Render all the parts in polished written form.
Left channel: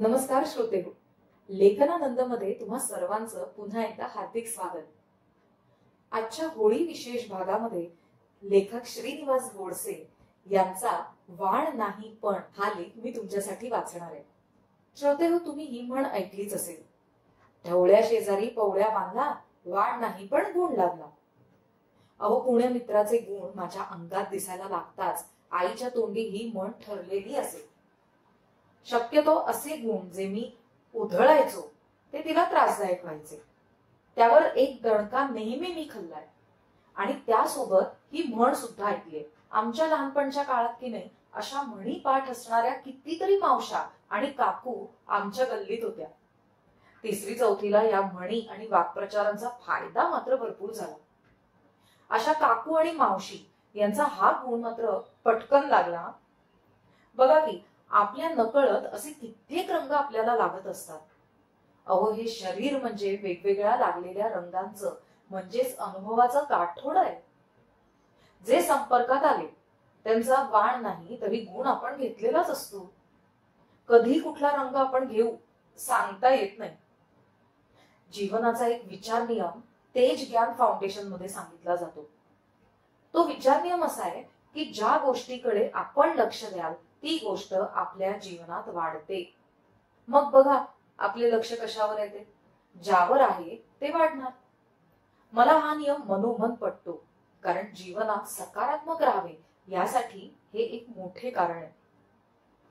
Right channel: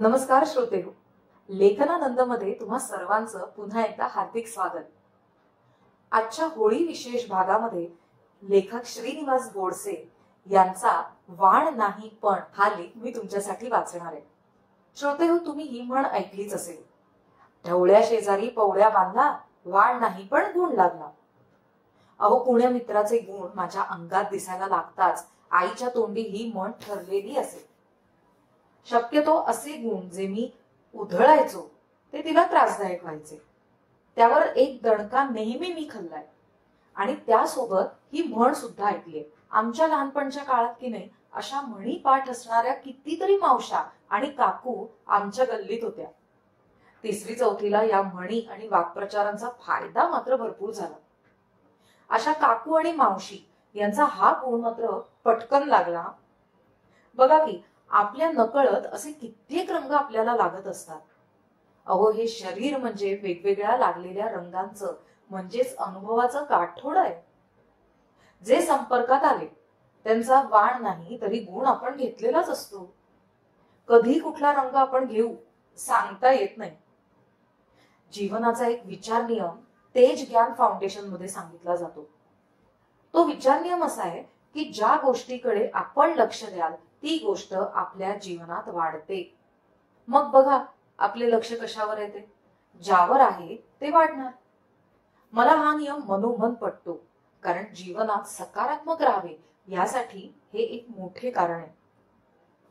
नमस्कार श्रोतेहो, लेखनानंदमध्ये तुम्हा सर्वांचं पुन्हा एकदा हार्दिक स्वागत। आजच्या होळी विशेष भागामध्ये लेखक श्रीनिवास गोडसे यांचा वाण नाही पण हा लेख मी तुमच्यासाठी वाचणार आहे। श्रोतेहो, तुम्ही ही म्हण ऐकलीच असेल, ढवळ्या शेजारी पवळ्या बांधला, वाण नाही पण गुण लागला। अहो, पुण्य मित्राचे गुण माझ्या अंगात दिसायला लागताच आईच्या तोंडी ही म्हण ठरलेली असेल। शक्यतो असे गुण जे मी उधळायचो ते तिला त्रासदायक व्हायचे, त्यावर एक दणका नेहमी मी खाल्लाय आणि त्यासोबत ही म्हण सुद्धा ऐकली। आमच्या लहानपणच्या काळात की नाही, अशा म्हणी पाठ असणाऱ्या कितीतरी मावशा आणि काकू आमच्या गल्लीत होत्या। तिसरी चौथीला या म्हणी आणि वाक्प्रचारांचा फायदा मात्र भरपूर झाला। अशा काकू आणि मावशी यांचा हा गुण मात्र पटकन लागला। बघा की, आपल्या नकळत असे कित्येक रंग आपल्याला लागत असतात। अहो, हे शरीर म्हणजे वेगवेगळ्या लागलेल्या रंगांचं म्हणजेच अनुभवाचं गाठोड आहे। जे संपर्कात आले त्यांचा वाण नाही तरी गुण आपण घेतलेलाच असतो। कधी कुठला रंग आपण घेऊ सांगता येत नाही। जीवनाचा एक विचार नियम तेज ज्ञान फाउंडेशन मध्ये सांगितला जातो। तो विचार नियम असा आहे की ज्या गोष्टीकडे आपण लक्ष द्याल ती गोष्ट आपल्या जीवनात वाढते। मग बघा, आपले लक्ष कशावर येते? ज्यावर आहे ते वाढणार। मला हा नियम मनोमन पटतो, कारण जीवनात सकारात्मक राहावे यासाठी हे एक मोठे कारण आहे।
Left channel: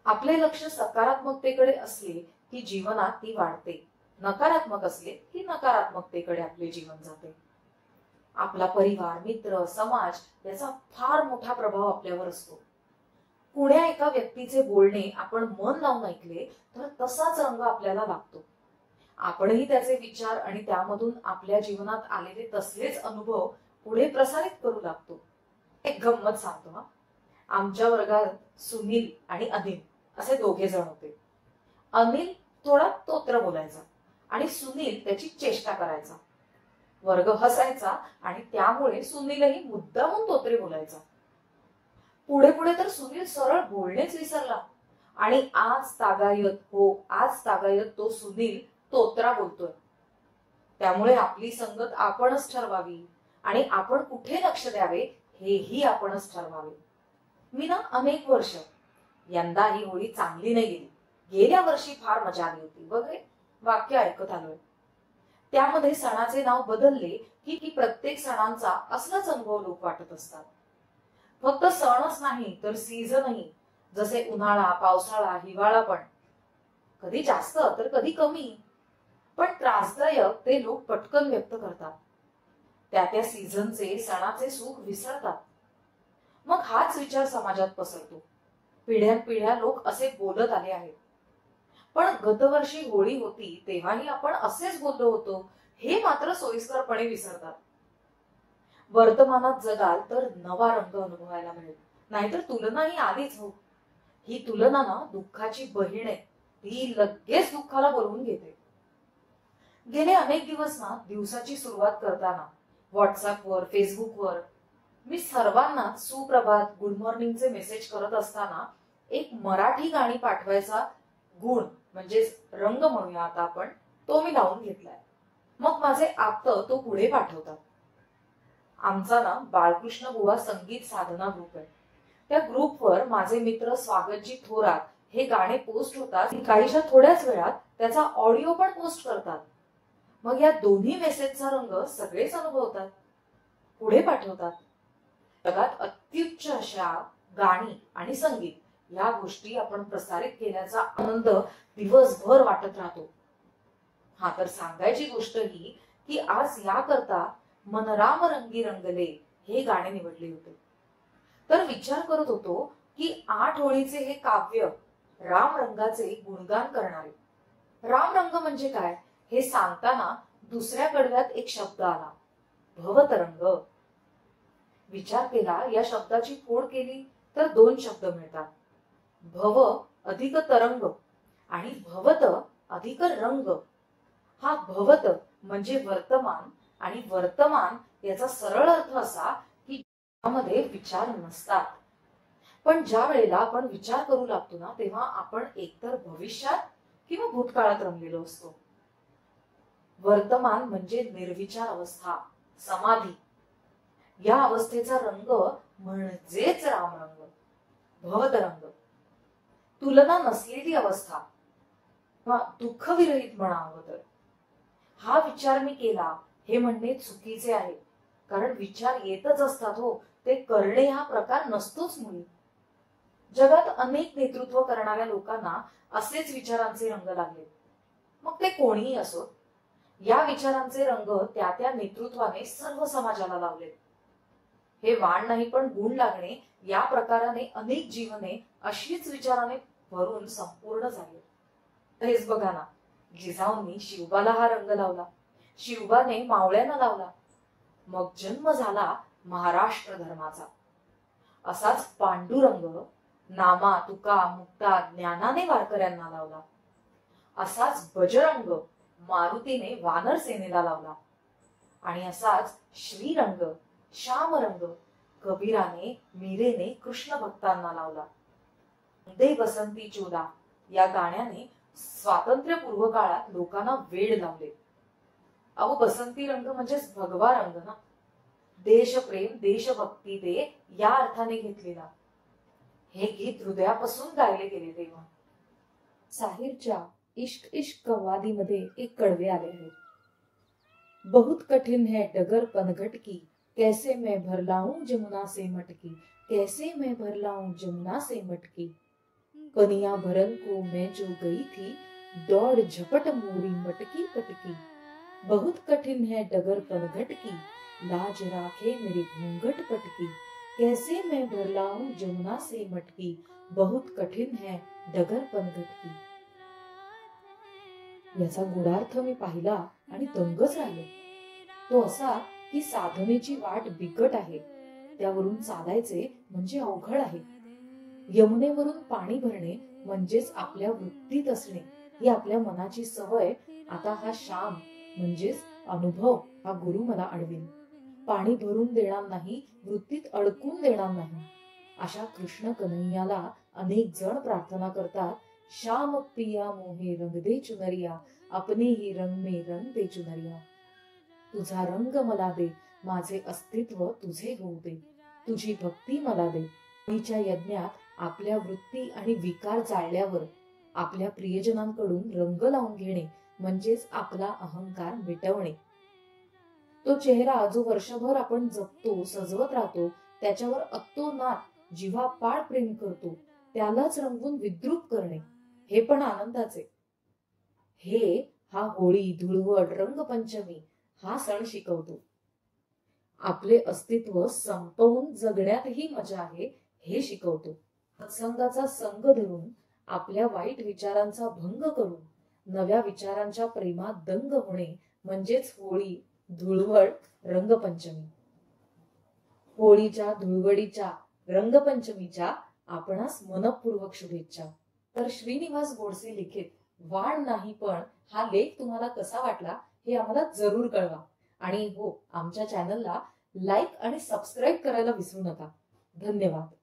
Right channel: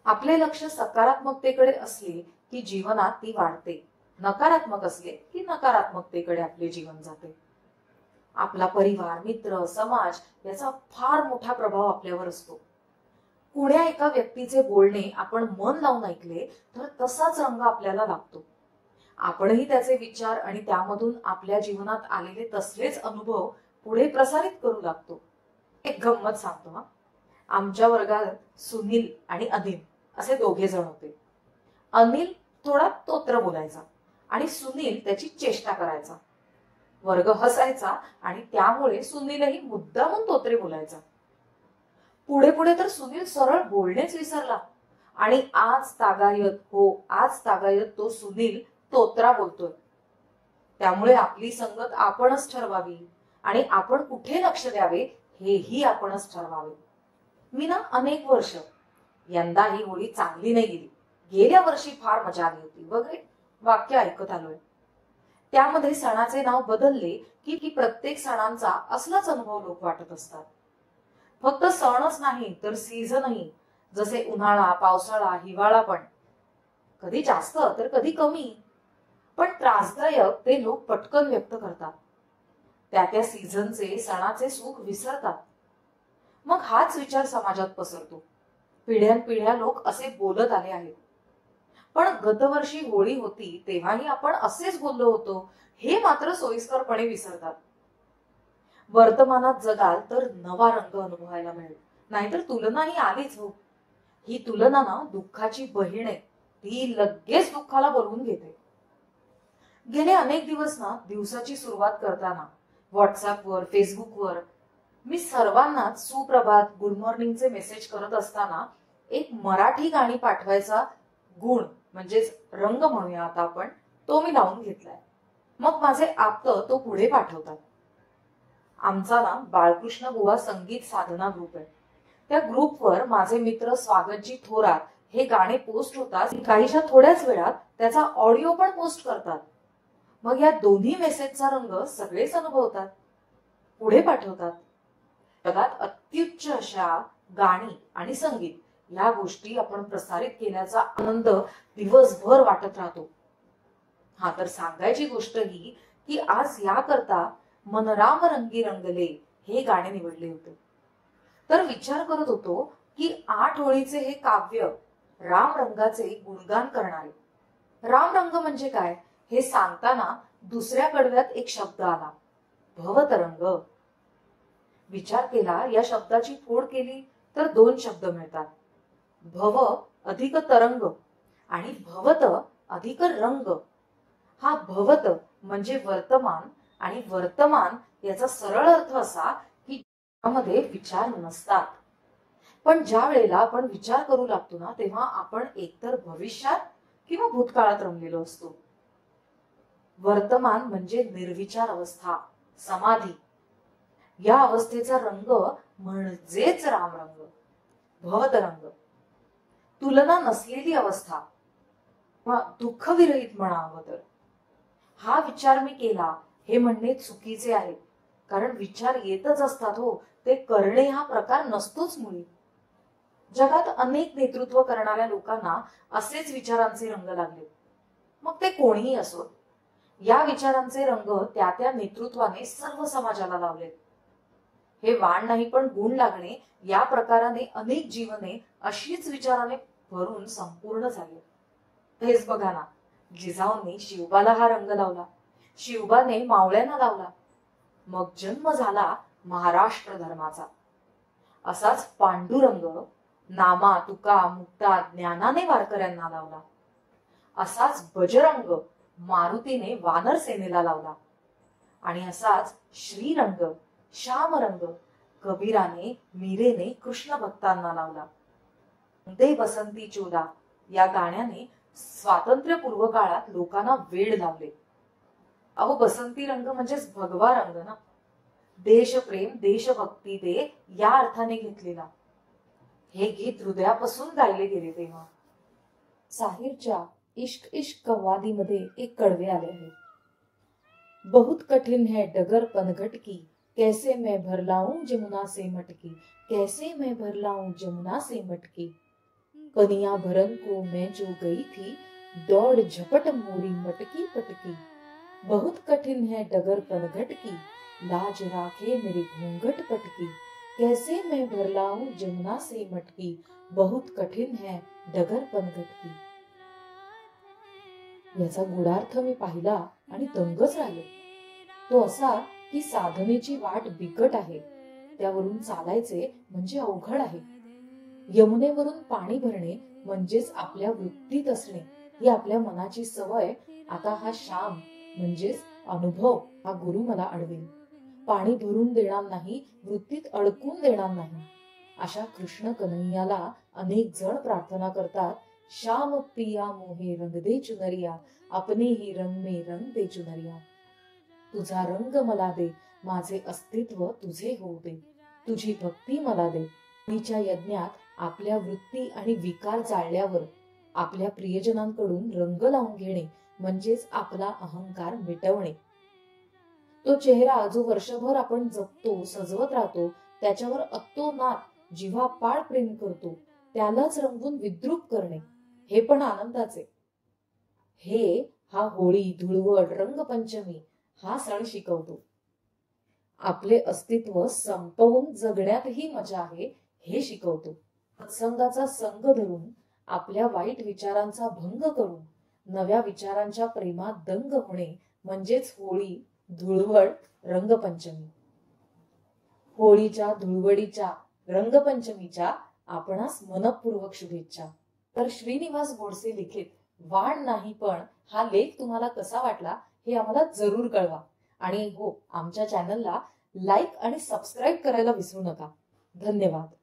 आपले लक्ष सकारात्मकतेकडे असले की जीवनात ती वाढते, नकारात्मक असले की नकारात्मकतेकडे आपले जीवन जाते। आपला परिवार, मित्र, समाज याचा फार मोठा प्रभाव आपल्यावर असतो। कुण्या एका व्यक्तीचे बोलणे आपण मन लावून ऐकले तर तसाच रंग आपल्याला लागतो। आपणही त्याचे विचार आणि त्यामधून आपल्या जीवनात आलेले तसलेच अनुभव पुढे प्रसारित करू लागतो। एक गंमत सांगतो हा। आमच्या वर्गात सुनील आणि अनिल असे दोघे जण होते। अनिल थोडा तोत्र बोलायचा आणि सुनील त्याची चेष्टा करायचा। वर्ग हसायचा आणि त्यामुळे सुनीलही मुद्दामून तोत्रे बोलायचा। पुढे पुढे तर सुनील सरळ बोलणेच विसरला आणि आज तागायत तो सुनील तोत्रा बोलतोय। त्यामुळे आपली संगत आपणच ठरवावी आणि आपण कुठे लक्ष द्यावे हेही आपणच ठरवावे। मी ना अनेक वर्ष, यंदा ही होळी चांगली नाही गेली, गेल्या वर्षी फार मजा आली होती वगैरे वाक्य ऐकत आलोय। त्यामध्ये सणाचे नाव बदलले की प्रत्येक सणांचा असलाच अनुभव लोक वाटत असतात। फक्त सणच नाही तर सीझनही, जसे उन्हाळा, पावसाळा, हिवाळा पण कधी जास्त तर कधी कमी, पण त्रासदायक ते लोक पटकन व्यक्त करतात। त्या सीझनचे, सणाचे सुख विसरतात। मग हाच विचार समाजात पसरतो। पिढ्यानपिढ्या लोक असे बोलत आले आहेत। पण गतवर्षी होळी होती तेव्हाही आपण असेच बोललो होतो हे मात्र सोयीस्करपणे विसरतात। वर्तमानात जगाल तर नवा रंग अनुभवायला मिळेल, नाहीतर तुलना ही आलीच हो। ही तुलना ना दुःखाची बहीण आहे, ती लगेच दुःखाला बोलवून घेते। गेले अनेक दिवस ना दिवसाची सुरुवात करताना व्हॉट्सअपवर, फेसबुकवर मी सर्वांना सुप्रभात, गुड मॉर्निंगचे मेसेज करत असताना एक मराठी गाणी पाठवायचा गुण म्हणजेच रंग म्हणूया आता आपण, तो मी लावून घेतलाय। मग माझे आप्त तो पुढे पाठवतात। आमचा ना बाळकृष्ण बुवा संगीत साधना ग्रुप आहे। त्या ग्रुपवर माझे मित्र स्वागतजी थोरात हे गाणे पोस्ट होतात, काहीशा थोड्याच वेळात त्याचा ऑडिओ पण पोस्ट करतात। मग या दोन्ही मेसेजचा रंग सगळेच अनुभवतात, पुढे पाठवतात। जगात अत्युच्च अशा गाणी आणि संगीत या गोष्टी आपण प्रसारित केल्याचा आनंद दिवसभर वाटत राहतो। हा तर सांगायची गोष्ट ही की आज याकरता मन राम रंगी रंगले हे गाणे निवडले होते। तर विचार करत होतो की 8 ओळीचे हे काव्य राम रंगाचे गुणगान करणारे। राम रंग म्हणजे काय हे सांगताना दुसऱ्या कडव्यात एक शब्द आला, भवतरंग। विचार केला, या शब्दाची फोड केली तर 2 शब्द मिळतात, भव अधिक तरंग आणि भवत अधिक रंग। हा भवत म्हणजे वर्तमान आणि वर्तमान याचा सरळ अर्थ असा की ज्यामध्ये विचार नसतात। पण ज्या वेळेला आपण विचार करू लागतो ना तेव्हा आपण एकतर भविष्यात किंवा भूतकाळात रंगलेलो असतो. वर्तमान म्हणजे निर्विचार अवस्था, समाधी. या अवस्थेचा रंग म्हणजेच रामरंग, भवतरंग. तुलना नसलेली अवस्था, दुःखविरहित म्हणावं तर. हा विचार मी केला हे म्हणणे चुकीचे आहे, कारण विचार येतच असतात हो, ते करणे हा प्रकार नसतोच मुळी. जगात अनेक नेतृत्व करणाऱ्या लोकांना असेच विचारांचे रंग लागले, मग ते कोणीही असो. या विचारांचे रंग त्या त्या नेतृत्वाने सर्व समाजाला लावलेत. हे वाण नाही पण गुण लागणे या प्रकाराने अनेक जीवने अशीच विचाराने भरून संपूर्ण झाले. हेच बघा ना, जिजाऊंनी शिवबाला हा रंग लावला, शिवबाने मावळ्यांना लावला, मग जन्म झाला महाराष्ट्र धर्माचा. असाच पांडुरंग नामा तुका मुक्ता ज्ञानाने वारकऱ्यांना लावला. असाच बजरंग मारुतीने वानर सेनेला लावला. आणि असाच श्रीरंग श्यामरंग कबीराने मीरेने कृष्ण भक्तांना लावला. दे बसंती चोला या गाण्याने स्वातंत्र्यपूर्व काळात लोकांना वेड लावले. अहो, बसंती रंग म्हणजेच भगवा रंग ना. देशप्रेम देशभक्ती दे या अर्थाने घेतलेला. हे गीत हृदयापासून गायले गेले तेव्हा. साहिरच्या इश्क इश्क कव्वाली मध्ये एक कडवे आले आहेत. बहुत कठिन है डगर पनघट की, कैसे मैं भर लाऊं जमुना से मटकी, कैसे मैं भर लाऊं जमुना से मटकी. कनिया भरन को मैं जो गई थी, दौड़ झपट मोरी मटकी पटकी. बहुत कठिन है डगर पनघट की, लाज राखे मेरे घूंघट पटकी. कैसे मैं भर लाऊं जमुना से मटकी, बहुत कठिन है डगर पनघट की. याचा गुढार्थ मी पाहिला आणि दंगच राहिलो. तो असा की साधनेची वाट बिकट आहे, त्यावरून चालायचे म्हणजे अवघड आहे. यमुनेवरून पाणी भरणे म्हणजेच आपल्या वृत्तीत असणे ही आपल्या मनाची सवय. आता हा श्याम म्हणजेच अनुभव हा गुरु मला अडवेल. पाणी भरून देणार नाही, वृत्तीत अडकून देणार नाही. अशा कृष्ण कन्हैयाला अनेक जण प्रार्थना करतात, श्याम पिया मोहे रंग दे चुनरिया, अपने ही रंग में रंग दे चुनरिया. तुझा रंग मला दे, माझे अस्तित्व तुझे होऊ दे, तुझी भक्ती मला दे. तिच्या यज्ञात आपल्या वृत्ती आणि विकार जाळल्यावर आपल्या प्रियजनांकडून रंग लावून घेणे म्हणजेच आपला अहंकार मिटवणे. तो चेहरा जो वर्षभर आपण जपतो सजवत राहतो, त्याच्यावर अतोनात जीवापाड प्रेम करतो, त्यालाच रंगवून विद्रूप करणे हे पण आनंदाचे. हे हा होळी धुळवड रंगपंचमी हा सण शिकवतो. आपले अस्तित्व संपवून जगण्यातही मजा आहे हे शिकवतो. सत्संगाचा संग धरून आपल्या वाईट विचारांचा भंग करून नव्या विचारांच्या प्रेमात दंग होणे म्हणजेच होळी धुळवड रंगपंचमी. होळीच्या धुळवडीच्या रंगपंचमीच्या आपणास मनपूर्वक शुभेच्छा. तर श्रीनिवास गोडसे लिखित वाण नाही पण हा लेख तुम्हाला कसा वाटला हे आम्हाला जरूर कळवा. आणि हो, आमच्या चॅनलला लाईक आणि सबस्क्राईब करायला विसरू नका. धन्यवाद.